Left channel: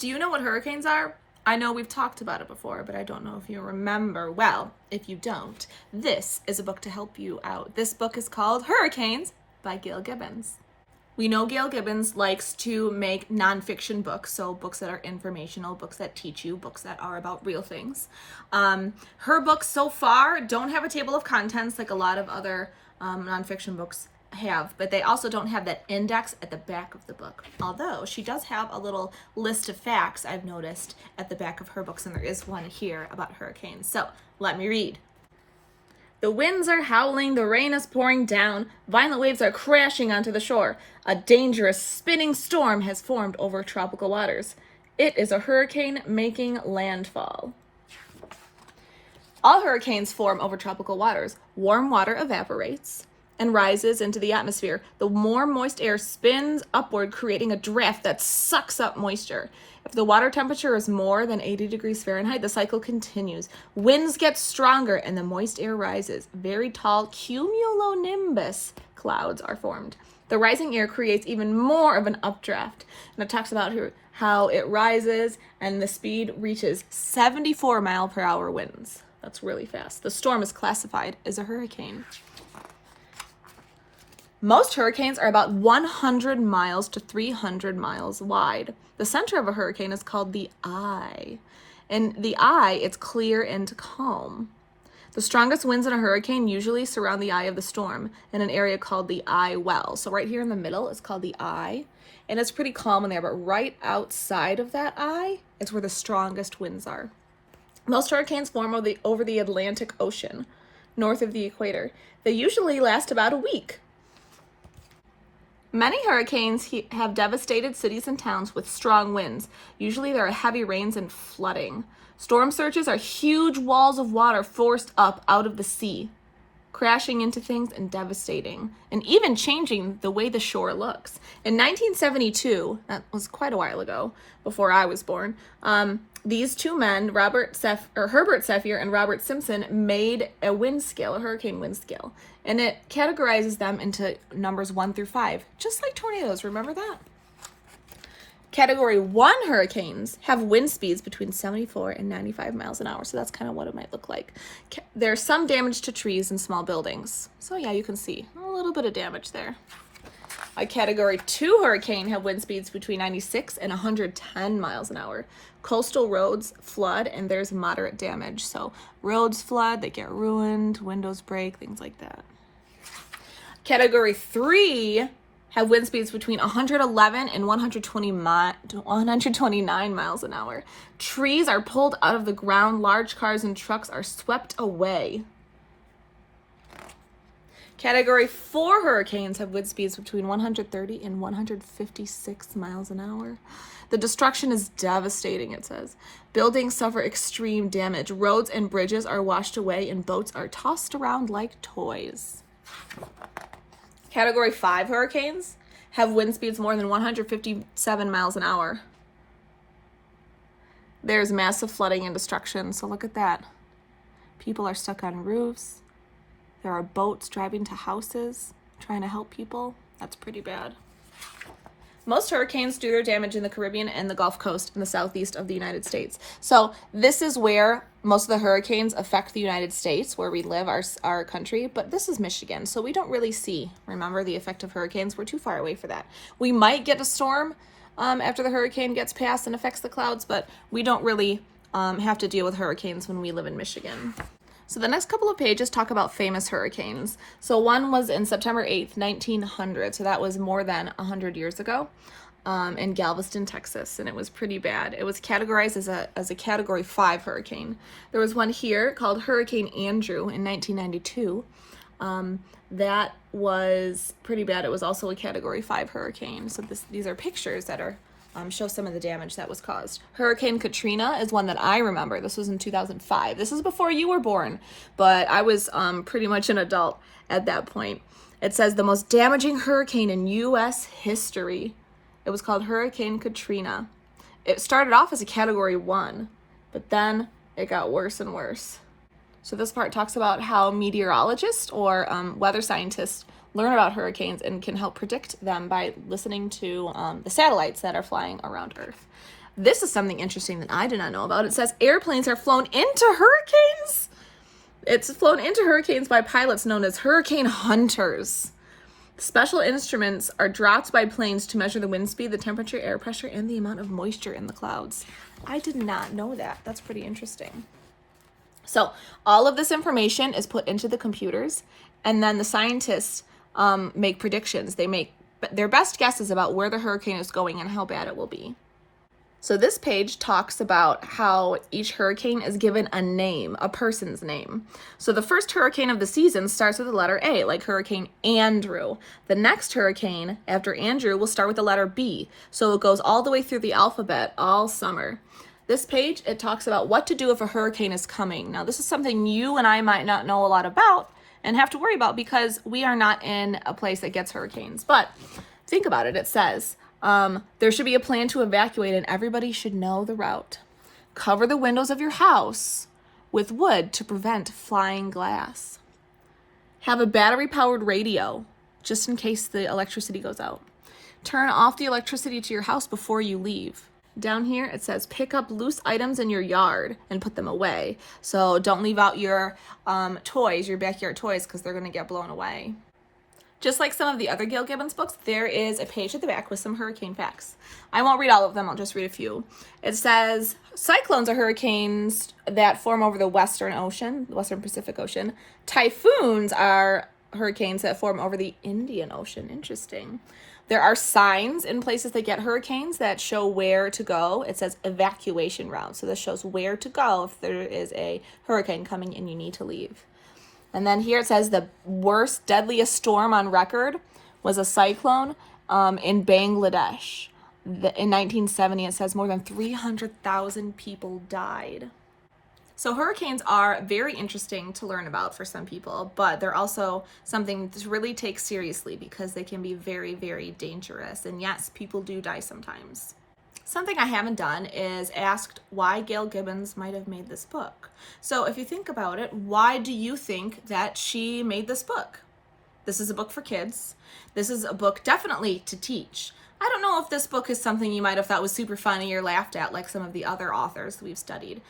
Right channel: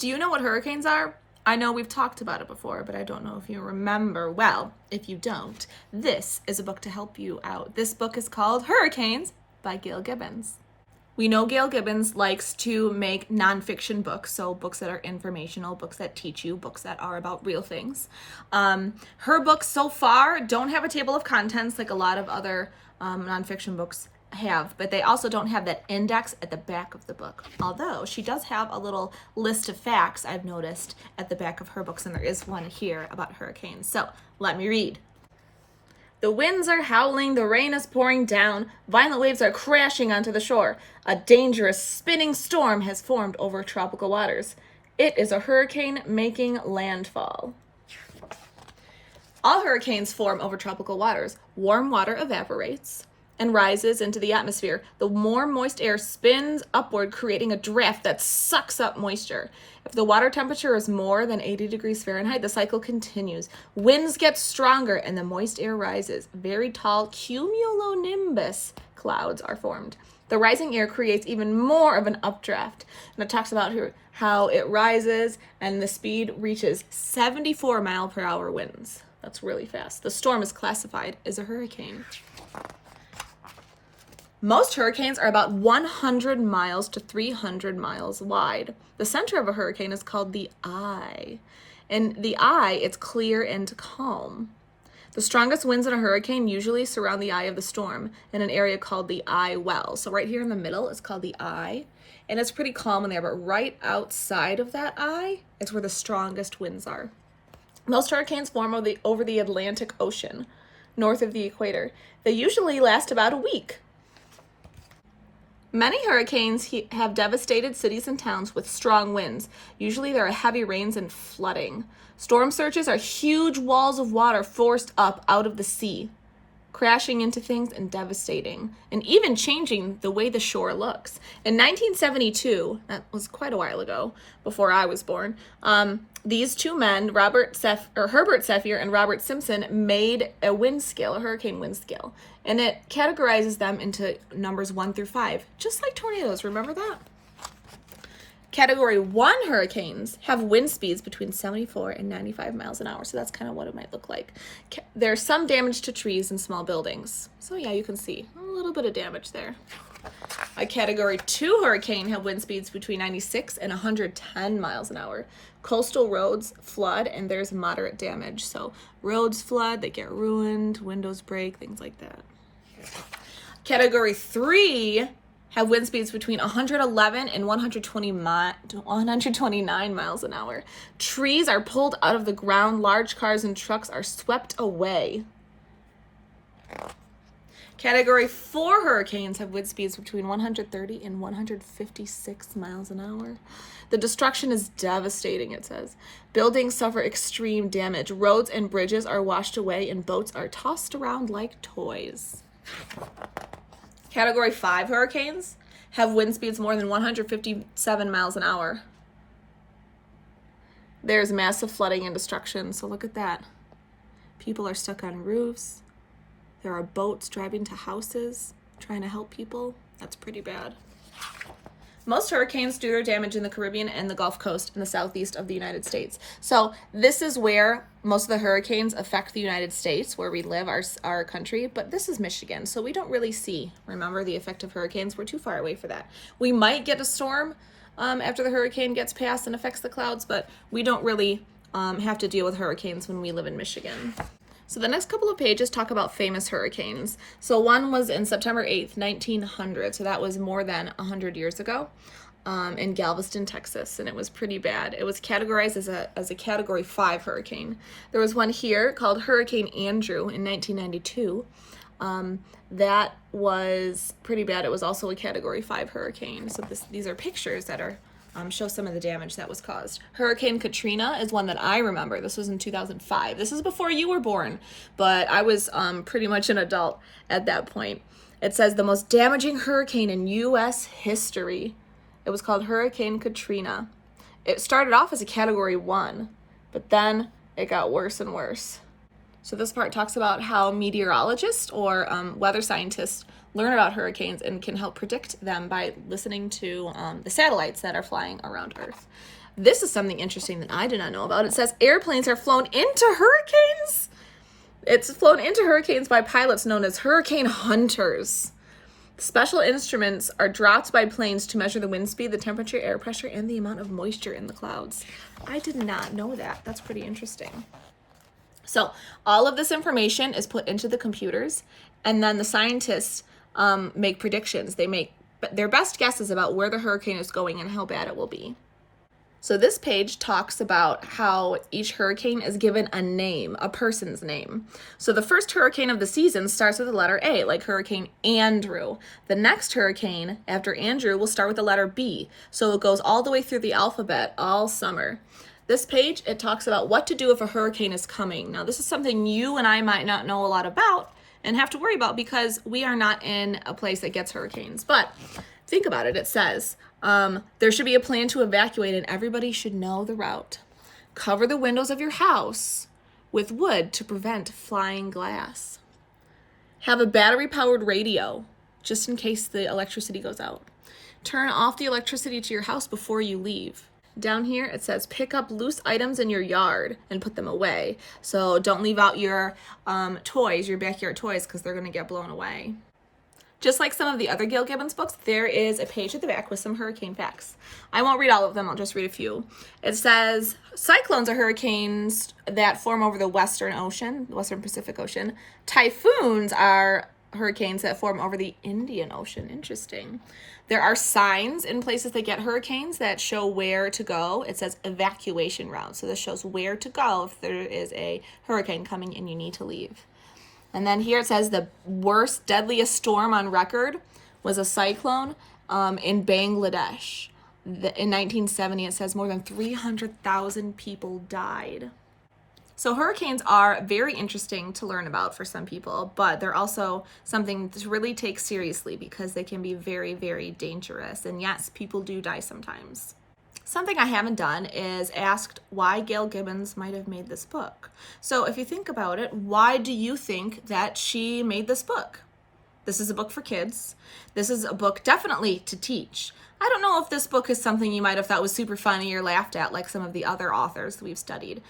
Do you know what hurricanes are? I know we've talked about it before, but I don't know if you remember. Well, if you don't, this is a book to help you out. This book is called Hurricanes by Gail Gibbons. We know Gail Gibbons likes to make nonfiction books, so books that are informational, books that teach you, books that are about real things. Her books so far don't have a table of contents like a lot of other nonfiction books have, but they also don't have that index at the back of the book. Although she does have a little list of facts I've noticed at the back of her books, and there is one here about hurricanes. So let me read. The winds are howling, the rain is pouring down, violent waves are crashing onto the shore. A dangerous spinning storm has formed over tropical waters. It is a hurricane making landfall. All hurricanes form over tropical waters. Warm water evaporates and rises into the atmosphere. The more moist air spins upward, creating a draft that sucks up moisture. If the water temperature is more than 80 degrees Fahrenheit, the cycle continues. Winds get stronger and the moist air rises. Very tall cumulonimbus clouds are formed. The rising air creates even more of an updraft. And it talks about how it rises and the speed reaches 74 mile per hour winds. That's really fast. The storm is classified as a hurricane. Most hurricanes are about 100 miles to 300 miles wide. The center of a hurricane is called the eye. In the eye, it's clear and calm. The strongest winds in a hurricane usually surround the eye of the storm in an area called the eye well. So right here in the middle is called the eye, and it's pretty calm in there, but right outside of that eye is where the strongest winds are. Most hurricanes form over the Atlantic Ocean, north of the equator. They usually last about a week. Many hurricanes have devastated cities and towns with strong winds. Usually there are heavy rains and flooding. Storm surges are huge walls of water forced up out of the sea, crashing into things and devastating, and even changing the way the shore looks. In 1972, that was quite a while ago, before I was born, these two men, Herbert Sevier and Robert Simpson, made a wind scale, a hurricane wind scale, and it categorizes them into numbers 1 through 5, just like tornadoes. Remember that? Category 1 hurricanes have wind speeds between 74 and 95 miles an hour, so that's kind of what it might look like. There's some damage to trees and small buildings. So yeah, you can see a little bit of damage there. A Category 2 hurricane have wind speeds between 96 and 110 miles an hour. Coastal roads flood and there's moderate damage. So roads flood, they get ruined, windows break, things like that. Category 3 have wind speeds between 111 and 129 miles an hour. Trees are pulled out of the ground. Large cars and trucks are swept away. Category 4 hurricanes have wind speeds between 130 and 156 miles an hour. The destruction is devastating, it says. Buildings suffer extreme damage. Roads and bridges are washed away and boats are tossed around like toys. Category 5 hurricanes have wind speeds more than 157 miles an hour. There's massive flooding and destruction, so look at that. People are stuck on roofs. There are boats driving to houses, trying to help people. That's pretty bad. Most hurricanes do their damage in the Caribbean and the Gulf Coast in the southeast of the United States. So this is where most of the hurricanes affect the United States, where we live, our country, but this is Michigan, so we don't really see, remember, the effect of hurricanes. We're too far away for that. We might get a storm after the hurricane gets past and affects the clouds, but we don't really have to deal with hurricanes when we live in Michigan. So the next couple of pages talk about famous hurricanes. So one was in September 8th, 1900. So that was more than 100 years ago in Galveston, Texas. And it was pretty bad. It was categorized as a Category 5 hurricane. There was one here called Hurricane Andrew in 1992. That was pretty bad. It was also a Category 5 hurricane. So these are pictures that are show some of the damage that was caused. Hurricane Katrina is one that I remember. This was in 2005. This is before you were born, but I was pretty much an adult at that point. It says the most damaging hurricane in U.S. history. It was called Hurricane Katrina. It started off as a Category 1, but then it got worse and worse. So this part talks about how meteorologists or weather scientists learn about hurricanes and can help predict them by listening to the satellites that are flying around Earth. This is something interesting that I did not know about. It says airplanes are flown into hurricanes. It's flown into hurricanes by pilots known as hurricane hunters. Special instruments are dropped by planes to measure the wind speed, the temperature, air pressure, and the amount of moisture in the clouds. I did not know that. That's pretty interesting. So all of this information is put into the computers, and then the scientists make predictions. They make their best guesses about where the hurricane is going and how bad it will be. So this page talks about how each hurricane is given a name, a person's name. So the first hurricane of the season starts with the letter A, like Hurricane Andrew. The next hurricane after Andrew will start with the letter B. So it goes all the way through the alphabet all summer. This page, it talks about what to do if a hurricane is coming. Now, this is something you and I might not know a lot about and have to worry about because we are not in a place that gets hurricanes. But think about it. It says, there should be a plan to evacuate and everybody should know the route. Cover the windows of your house with wood to prevent flying glass. Have a battery-powered radio just in case the electricity goes out. Turn off the electricity to your house before you leave. Down here it says pick up loose items in your yard and put them away. So don't leave out your toys, your backyard toys, because they're going to get blown away. Just like some of the other Gail Gibbons books, there is a page at the back with some hurricane facts. I won't read all of them, I'll just read a few. It says, cyclones are hurricanes that form over the Western Ocean, the Western Pacific Ocean. Typhoons are hurricanes that form over the Indian Ocean. Interesting. There are signs in places that get hurricanes that show where to go. It says evacuation route. So this shows where to go if there is a hurricane coming and you need to leave. And then here it says the worst, deadliest storm on record was a cyclone in Bangladesh. In 1970, it says more than 300,000 people died. So hurricanes are very interesting to learn about for some people, but they're also something to really take seriously because they can be very, very dangerous. And yes, people do die sometimes. Something I haven't done is asked why Gail Gibbons might have made this book. So if you think about it, why do you think that she made this book? This is a book for kids. This is a book definitely to teach. I don't know if this book is something you might have thought was super funny or laughed at like some of the other authors we've studied,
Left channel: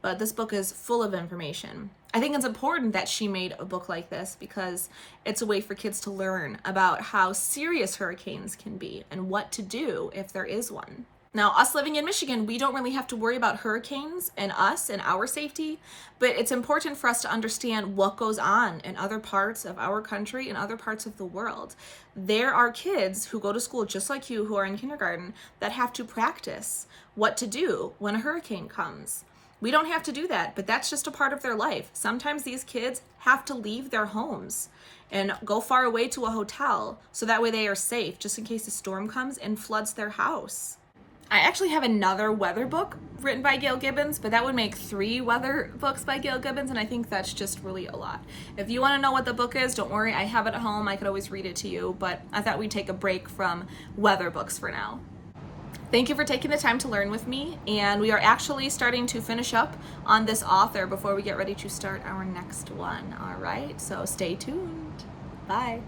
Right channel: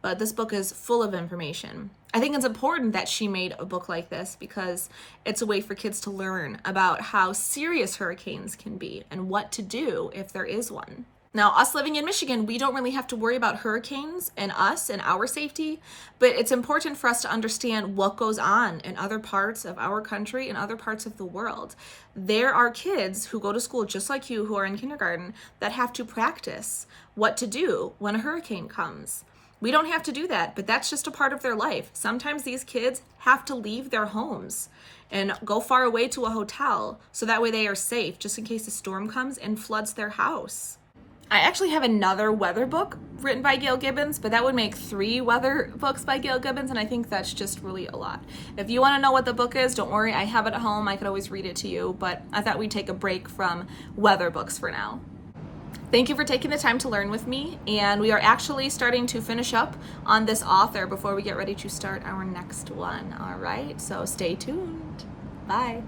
but this book is full of information. I think it's important that she made a book like this because it's a way for kids to learn about how serious hurricanes can be and what to do if there is one. Now, us living in Michigan, we don't really have to worry about hurricanes and us and our safety, but it's important for us to understand what goes on in other parts of our country and other parts of the world. There are kids who go to school just like you who are in kindergarten that have to practice what to do when a hurricane comes. We don't have to do that, but that's just a part of their life. Sometimes these kids have to leave their homes and go far away to a hotel so that way they are safe just in case a storm comes and floods their house. I actually have another weather book written by Gail Gibbons, but that would make 3 weather books by Gail Gibbons, and I think that's just really a lot. If you want to know what the book is, don't worry, I have it at home. I could always read it to you, but I thought we'd take a break from weather books for now. Thank you for taking the time to learn with me, and we are actually starting to finish up on this author before we get ready to start our next one. All right, so stay tuned. Bye.